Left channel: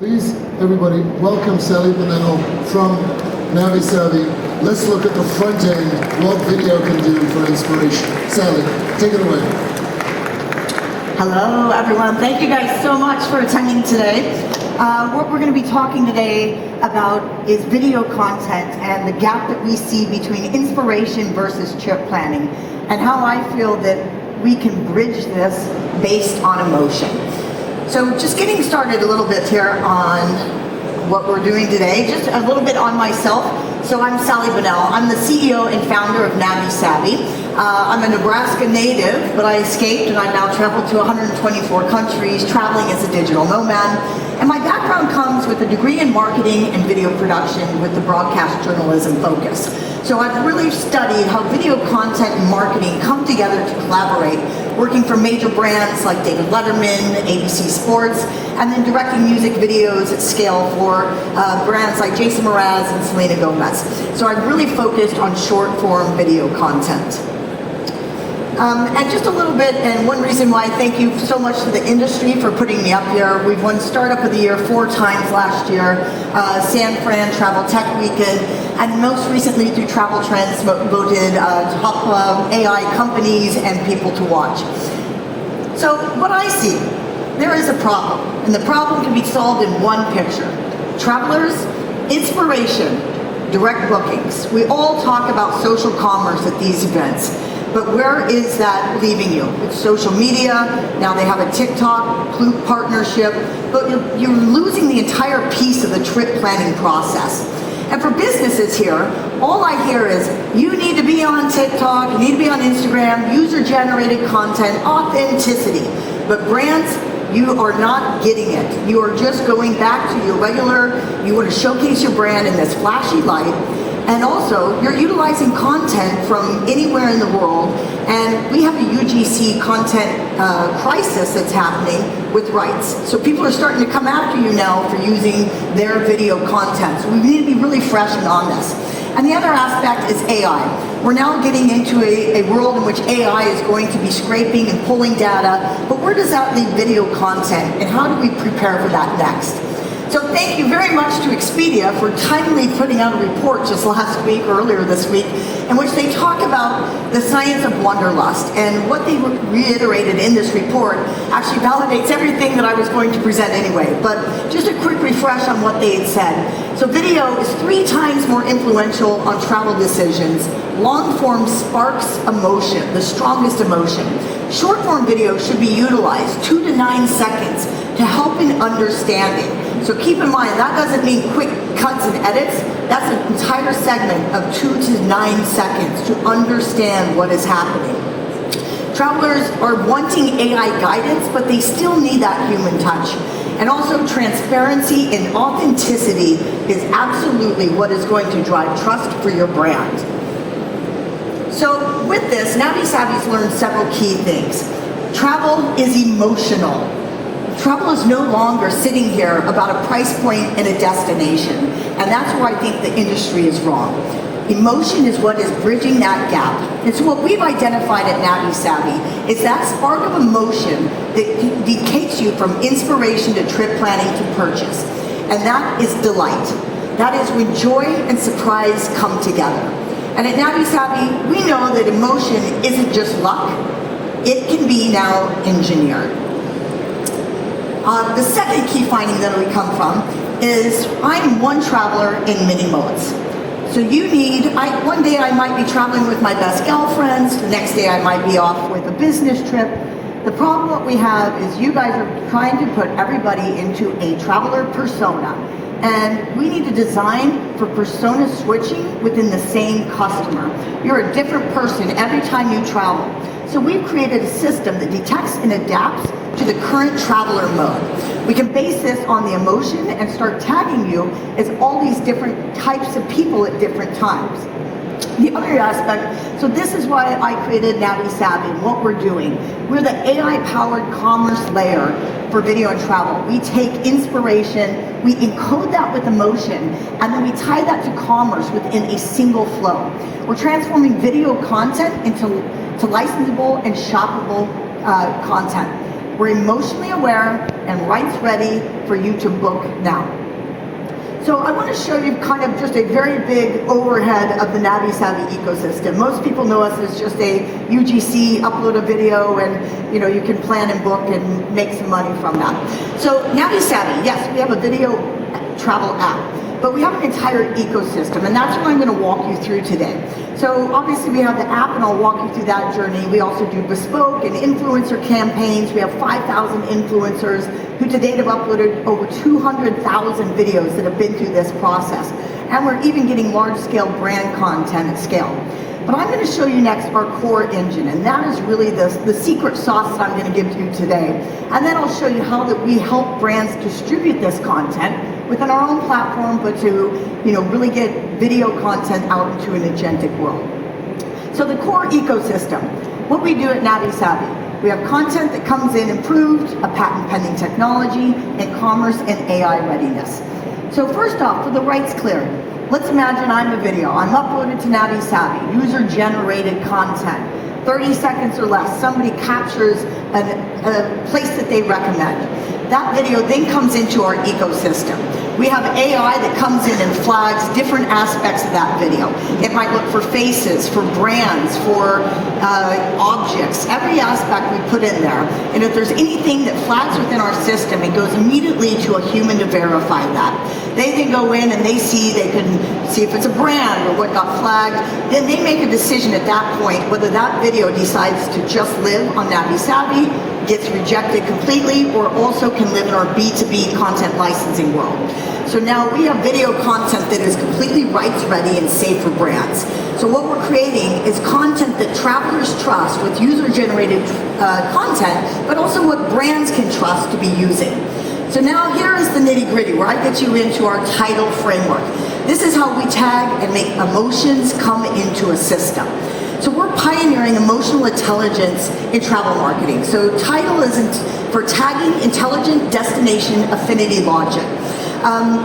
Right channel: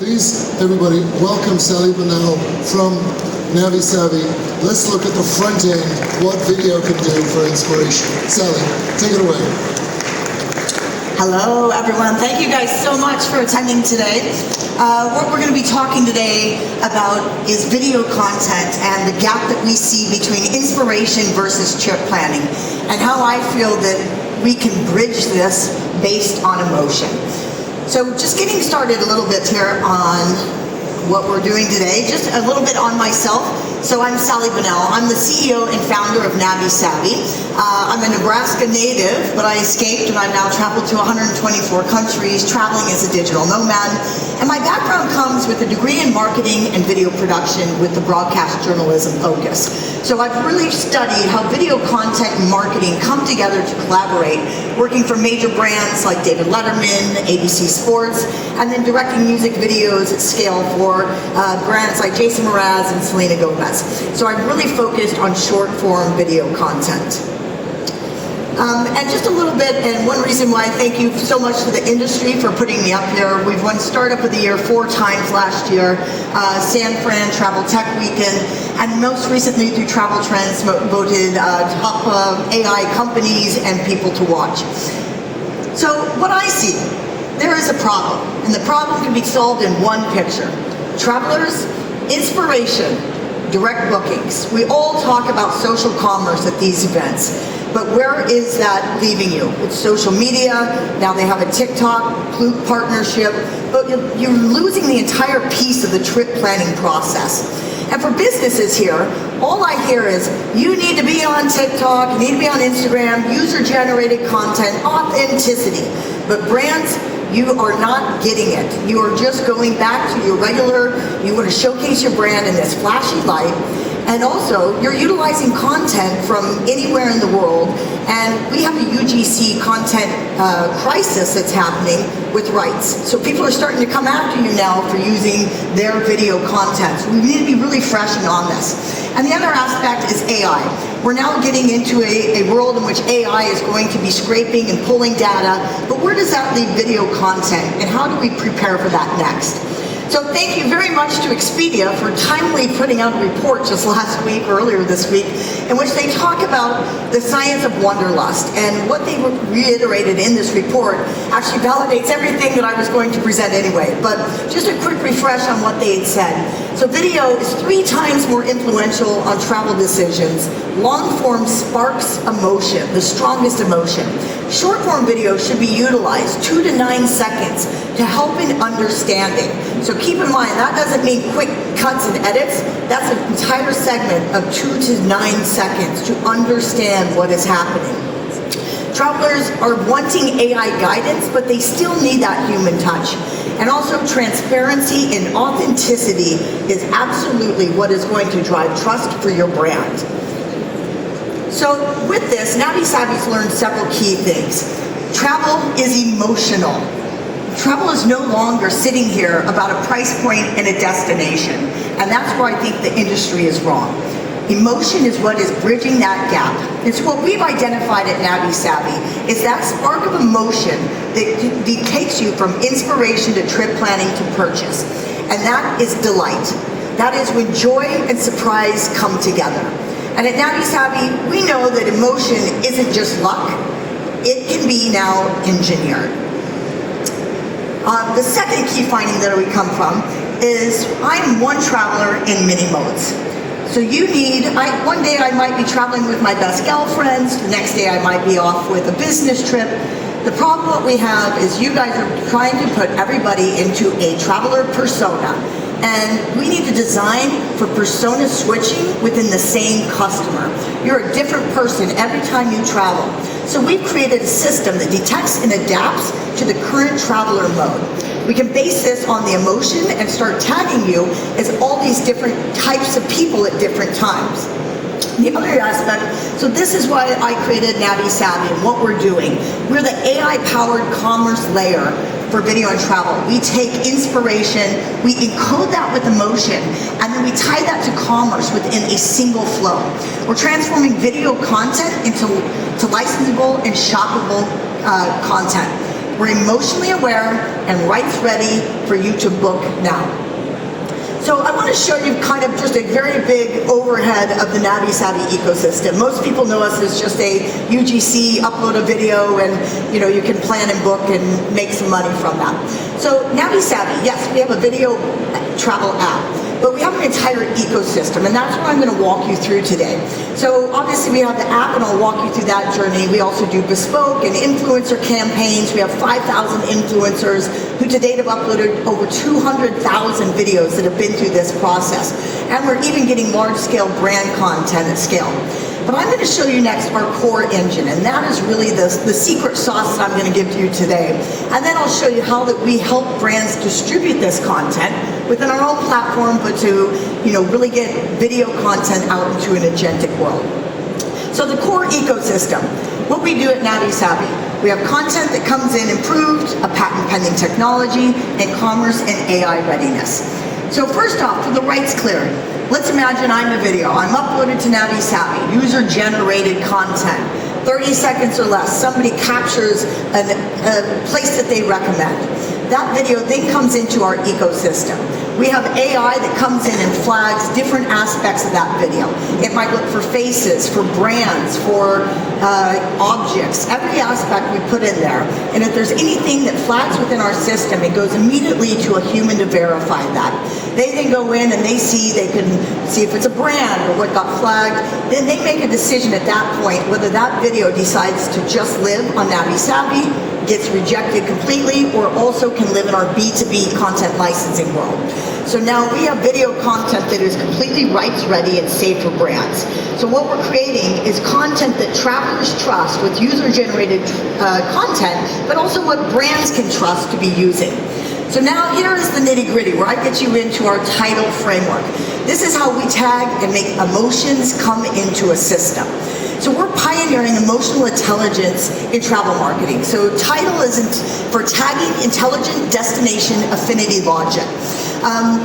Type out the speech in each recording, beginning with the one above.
Please, everybody, welcome Sally Bunnell from NaviSavvy. Let's look at the front end, what video can do for inspiration. Sally, take it away. Hello, everyone. Thank you guys so much for attending today. What we're going to be talking today about is video content and the gap that we see between inspiration versus trip planning, and how I feel that we can bridge this based on emotion. So just getting started a little bit here on what we're doing today, just a little bit on myself. So I'm Sally Bunnell. I'm the CEO and founder of NaviSavvy. I'm a Nebraska native, but I escaped and I've now traveled to 124 countries, traveling as a digital nomad. And my background comes with a degree in marketing and video production with the broadcast journalism focus. So I've really studied how video content and marketing come together to collaborate, working for major brands like David Letterman, ABC Sports, and then directing music videos at scale for brands like Jason Mraz and Selena Gomez. So I've really focused on short form video content. And just a little bit, and one reason why I thank you so much to the industry for putting me up here. We've won Startup of the Year 4 times last year, San Fran Travel Tech Weekend, and most recently through Travel Trends voted top AI companies and people to watch. So what I see, there is a problem, and the problem can be solved in one picture. Travelers, inspiration, direct bookings. We all talk about social commerce at these events. But where is that leaving you? It's social media, now they have a TikTok partnership, but you're losing the entire piece of the trip planning process. And for businesses here, all I hear is, you need to be on TikTok, you need to be on Instagram, user-generated content, authenticity. But brands, you are not getting it. You are just going back to your regular, you want to showcase your brand in this flashy light. And also, you're utilizing content from anywhere in the world, and we have a UGC content crisis that's happening with rights. So people are starting to come after you now for using their video content. So we need to be really fresh and on this. And the other aspect is AI. We're now getting into a world in which AI is going to be scraping and pulling data, but where does that leave video content, and how do we prepare for that next? So thank you very much to Expedia for timely putting out a report just last week, or earlier this week, in which they talk about the science of wanderlust. And what they reiterated in this report actually validates everything that I was going to present anyway. But just a quick refresh on what they had said. So video is 3 times more influential on travel decisions. Long form sparks emotion, the strongest emotion. Short form video should be utilized 2 to 9 seconds to help in understanding. So keep in mind, that doesn't mean quick cuts and edits. That's an entire segment of 2 to 9 seconds to understand what is happening. Travelers are wanting AI guidance, but they still need that human touch. And also, transparency and authenticity is absolutely what is going to drive trust for your brand. So with this, NaviSavvy's learned several key things. Travel is emotional. Travel is no longer sitting here about a price point and a destination. And that's where I think the industry is wrong. Emotion is what is bridging that gap. And so what we've identified at NaviSavvy is that spark of emotion that takes you from inspiration to trip planning to purchase. And that is delight. That is when joy and surprise come together. And at NaviSavvy, we know that emotion isn't just luck. It can be now engineered. The second key finding that we come from is I'm one traveler in many modes. So you need, one day I might be traveling with my best girlfriends, the next day I might be off with a business trip. The problem what we have is you guys are trying to put everybody into a traveler persona. And we need to design for persona switching within the same customer. You're a different person every time you travel. So we've created a system that detects and adapts to the current traveler mode. We can base this on the emotion and start tagging you as all these different types of people at different times. The other aspect, so this is why I created NaviSavvy and what we're doing. We're the AI-powered commerce layer for video and travel. We take inspiration, we encode that with emotion, and then we tie that to commerce within a single flow. We're transforming video content into licensable and shoppable content. We're emotionally aware and rights ready for you to book now. So I want to show you kind of just a very big overhead of the Navi Savvy ecosystem. Most people know us as just a UGC, upload a video, and you can plan and book and make some money from that. So Navi Savvy, yes, we have a video travel app, but we have an entire ecosystem, and that's what I'm going to walk you through today. So obviously we have the app, and I'll walk you through that journey. We also do bespoke and influencer campaigns. We have 5,000 influencers who to date have uploaded over 200,000 videos that have been through this process. And we're even getting large-scale brand content at scale. But I'm going to show you next our core engine, and that is really the secret sauce that I'm going to give to you today. And then I'll show you how that we help brands distribute this content within our own platform, but to really get video content out into an agentic world. So the core ecosystem, what we do at Navi Savvy, we have content that comes in improved, a patent pending technology, and commerce and AI readiness. So first off, for the rights clearing, let's imagine I'm a video. I'm uploaded to Navi Savvy, user-generated content, 30 seconds or less. Somebody captures a place that they recommend. That video then comes into our ecosystem. We have AI that comes in and flags different aspects of that video. It might look for faces, for brands, for objects, every aspect we put in there. And if there's anything that flags within our system, it goes immediately to a human to verify that. They then go in and they can see if it's a brand or what got flagged. Then they make a decision at that point whether that video decides to just live on Navi Savvy, gets rejected completely, or also can live in our B2B content licensing world. So now we have video content that is completely rights ready and safe for brands. So what we're creating is content that travelers trust with user-generated content, but also what brands can trust to be using. So now here is the nitty-gritty, where I get you into our title framework. This is how we tag and make emotions come into a system. So we're pioneering emotional intelligence in travel marketing. So title is for tagging intelligent destination affinity logic.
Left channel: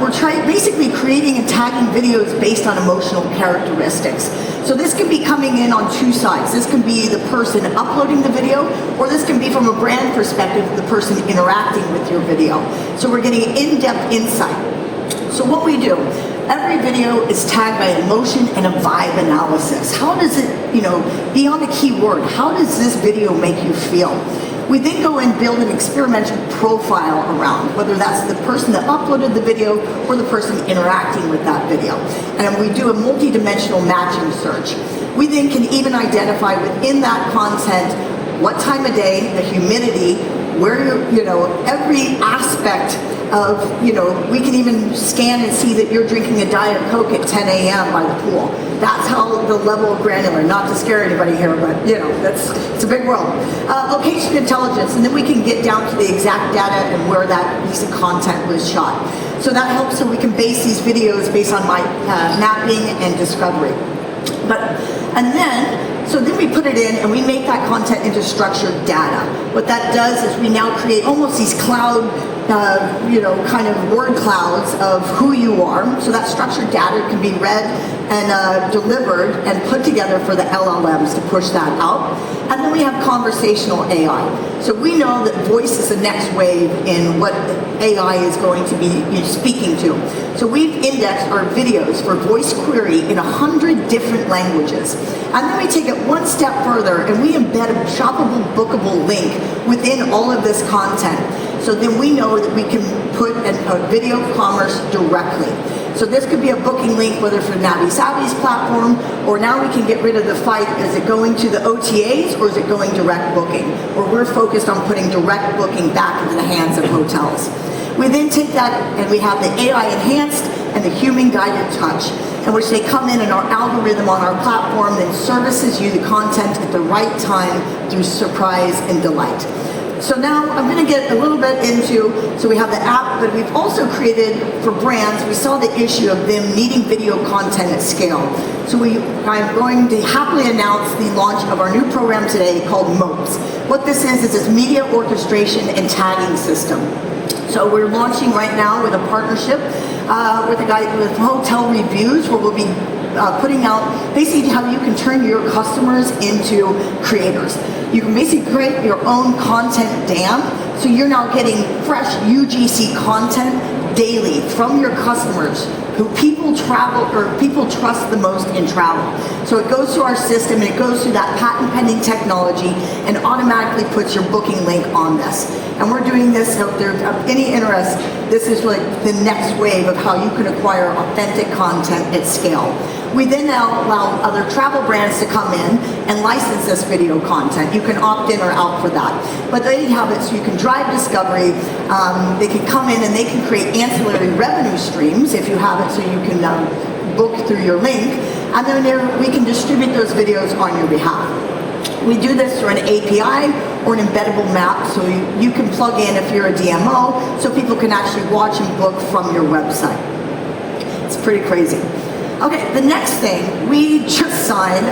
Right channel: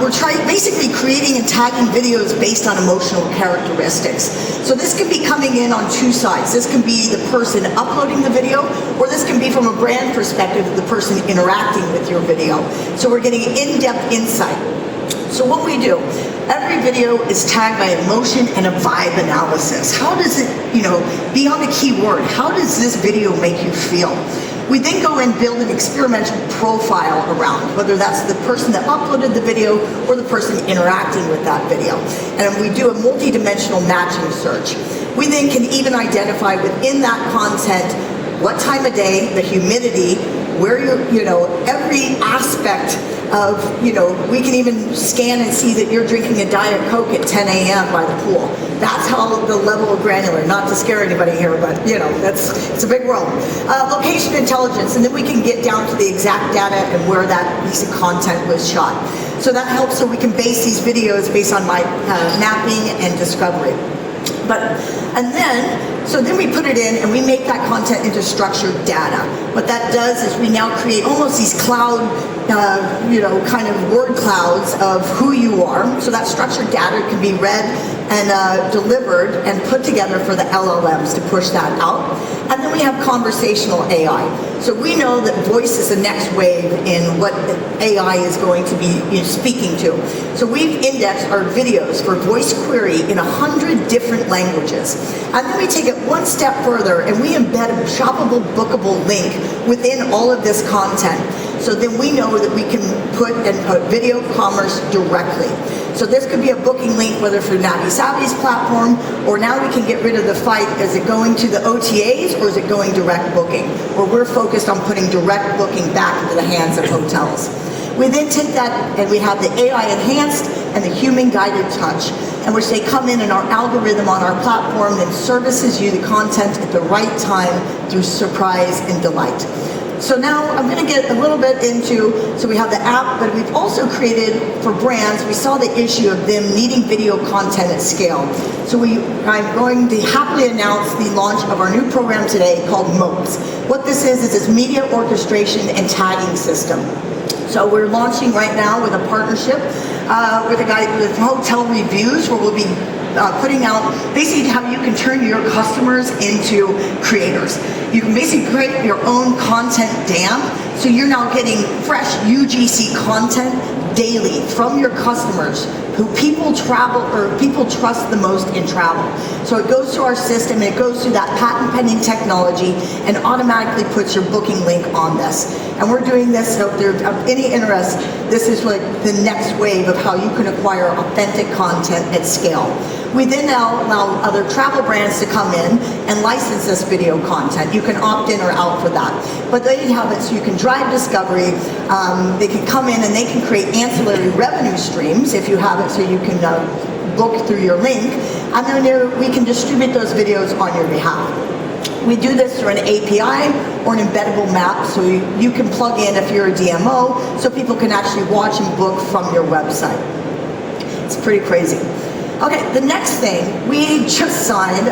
We're basically creating and tagging videos based on emotional characteristics. So this could be coming in on two sides. This can be the person uploading the video, or this can be from a brand perspective, the person interacting with your video. So we're getting in-depth insight. So what we do, every video is tagged by emotion and a vibe analysis. How does it, beyond the keyword, how does this video make you feel? We then go and build an experimental profile around, whether that's the person that uploaded the video or the person interacting with that video. And we do a multi-dimensional matching search. We then can even identify within that content what time of day, the humidity, where every aspect of, we can even scan and see that you're drinking a Diet Coke at 10 a.m. by the pool. That's how the level of granular, not to scare anybody here, but it's a big world. Location intelligence, and then we can get down to the exact data and where that piece of content was shot. So that helps, so we can base these videos based on my mapping and discovery. So then we put it in and we make that content into structured data. What that does is we now create almost these cloud, kind of word clouds of who you are. So that structured data can be read and delivered and put together for the LLMs to push that out. And then we have conversational AI. So we know that voice is the next wave in what AI is going to be speaking to. So we've indexed our videos for voice query in 100 different languages. And then we take it one step further and we embed a shoppable, bookable link within all of this content. So then we know that we can put a video commerce directly. So this could be a booking link, whether for Navi Savvy's platform, or now we can get rid of the fight, is it going to the OTAs or is it going direct booking? Where we're focused on putting direct booking back into the hands of hotels. We then take that and we have the AI enhanced and the human guided touch, in which they come in and our algorithm on our platform that services you the content at the right time through surprise and delight. So now I'm going to get a little bit into, so we have the app, but we've also created for brands, we saw the issue of them needing video content at scale. So I'm going to happily announce the launch of our new program today called MOPS. What this is this media orchestration and tagging system. So we're launching right now with a partnership with a guy with Hotel Reviews, where we'll be putting out basically how you can turn your customers into creators. You can basically create your own content dam, so you're now getting fresh UGC content daily from your customers who people trust the most in travel. So it goes through our system, and it goes through that patent pending technology and automatically puts your booking link on this. And we're doing this, so if there's any interest, this is like the next wave of how you can acquire authentic content at scale. We then now allow other travel brands to come in and license this video content. You can opt in or out for that. But they have it so you can drive discovery, they can come in and they can create ancillary revenue streams if you have it, so you can book through your link, and then we can distribute those videos on your behalf. We do this through an API or an embeddable map, so you can plug in if you're a DMO, so people can actually watch and book from your website. It's pretty crazy. Okay, the next thing, we just signed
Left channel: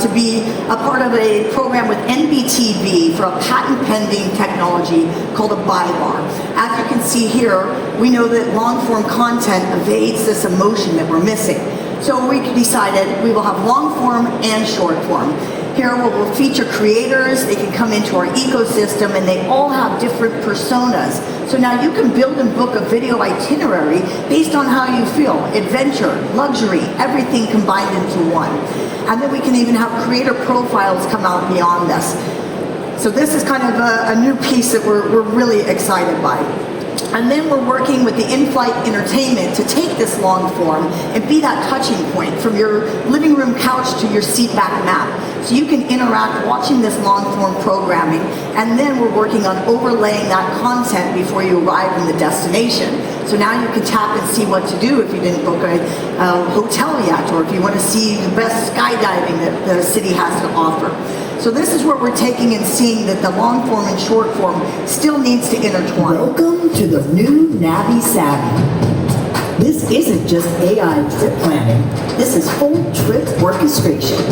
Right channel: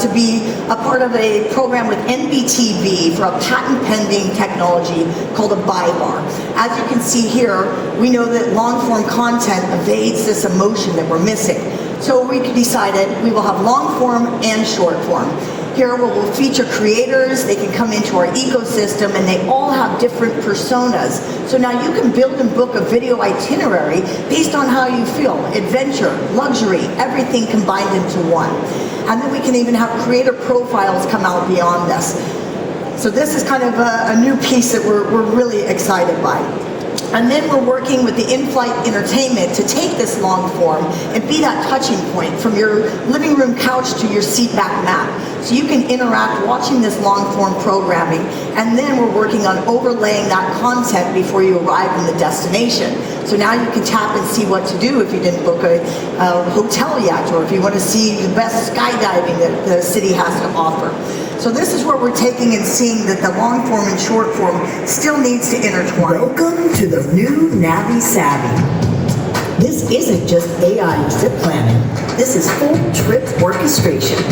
to be a part of a program with NBTV for a patent-pending technology called a buy bar. As you can see here, we know that long-form content evades this emotion that we're missing. So we decided we will have long-form and short-form. Here we'll feature creators, they can come into our ecosystem, and they all have different personas. So now you can build and book a video itinerary based on how you feel. Adventure, luxury, everything combined into one. And then we can even have creator profiles come out beyond this. So this is kind of a new piece that we're really excited by. And then we're working with the in-flight entertainment to take this long form and be that touching point from your living room couch to your seat back mat. So you can interact watching this long form programming, and then we're working on overlaying that content before you arrive in the destination. So now you can tap and see what to do if you didn't book a hotel yet, or if you want to see the best skydiving that the city has to offer. So this is where we're taking and seeing that the long form and short form still needs to intertwine. Welcome to the new Navi Savvy. This isn't just AI trip planning. This is full trip orchestration.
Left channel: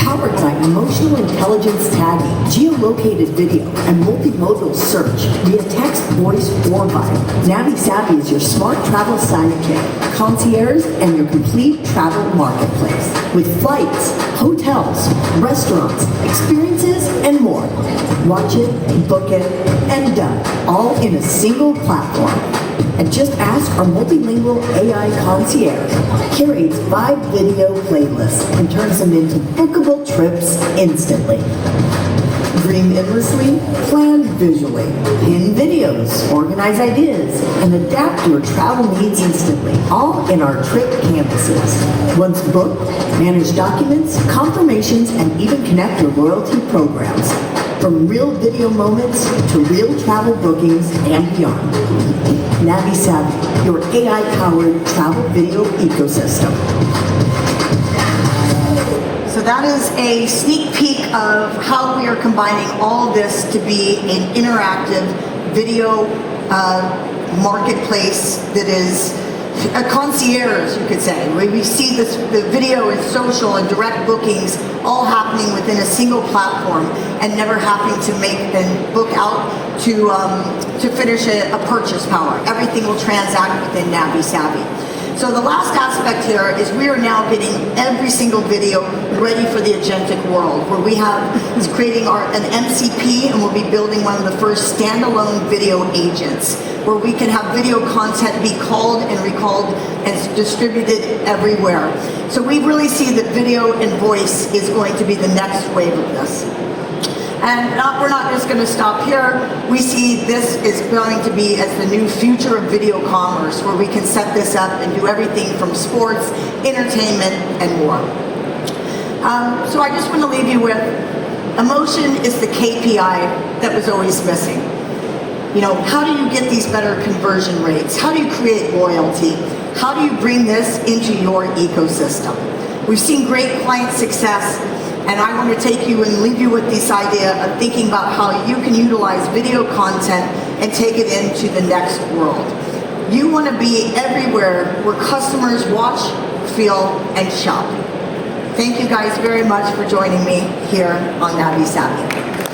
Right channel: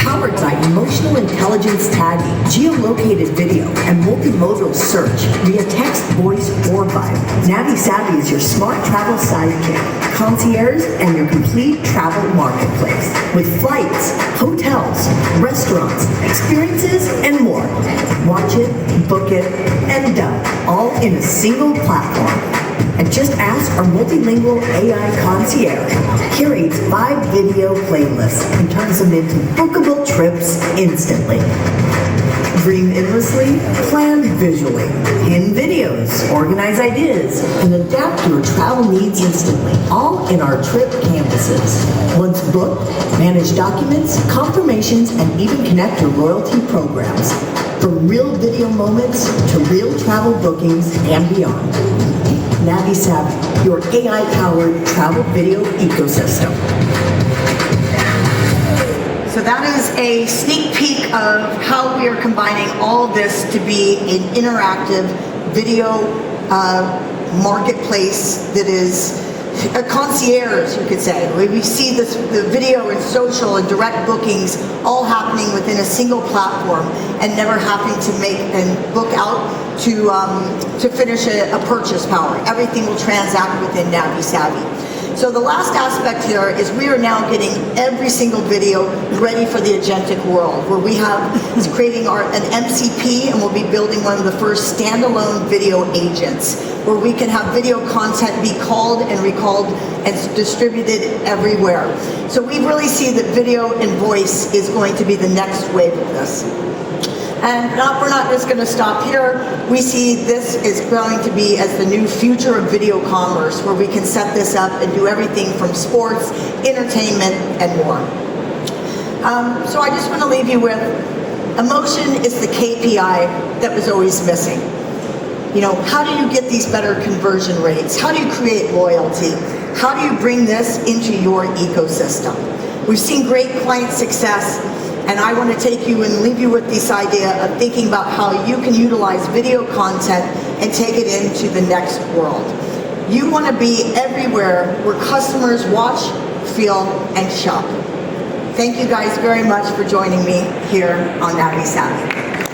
Powered by emotional intelligence tagging, geolocated video, and multimodal search via text, voice, or vibe. Navi Savvy is your smart travel sidekick, concierge, and your complete travel marketplace. With flights, hotels, restaurants, experiences, and more. Watch it, book it, and done. All in a single platform. And just ask our multilingual AI concierge. Curates 5 video playlists and turns them into bookable trips instantly. Dream endlessly, plan visually, pin videos, organize ideas, and adapt your travel needs instantly, all in our trip canvases. Once booked, manage documents, confirmations, and even connect your loyalty programs. From real video moments to real travel bookings and beyond. Navi Savvy, your AI-powered travel video ecosystem. So that is a sneak peek of how we are combining all of this to be an interactive video marketplace that is a concierge, you could say. We see this, the video and social and direct bookings all happening within a single platform and never having to make and book out to finish a purchase power. Everything will transact within Navi Savvy. So the last aspect here is we are now getting every single video ready for the agentic world, where we is creating an MCP, and we'll be building one of the first standalone video agents, where we can have video content be called and recalled and distributed everywhere. So we really see that video and voice is going to be the next wave of this. And we're not just going to stop here. We see this is going to be as the new future of video commerce, where we can set this up and do everything from sports, entertainment, and more. So I just want to leave you with, emotion is the KPI that was always missing. You know, how do you get these better conversion rates? How do you create loyalty? How do you bring this into your ecosystem? We've seen great client success, and I want to take you and leave you with this idea of thinking about how you can utilize video content and take it into the next world. You want to be everywhere where customers watch, feel, and shop. Thank you guys very much for joining me here on Navi Savvy.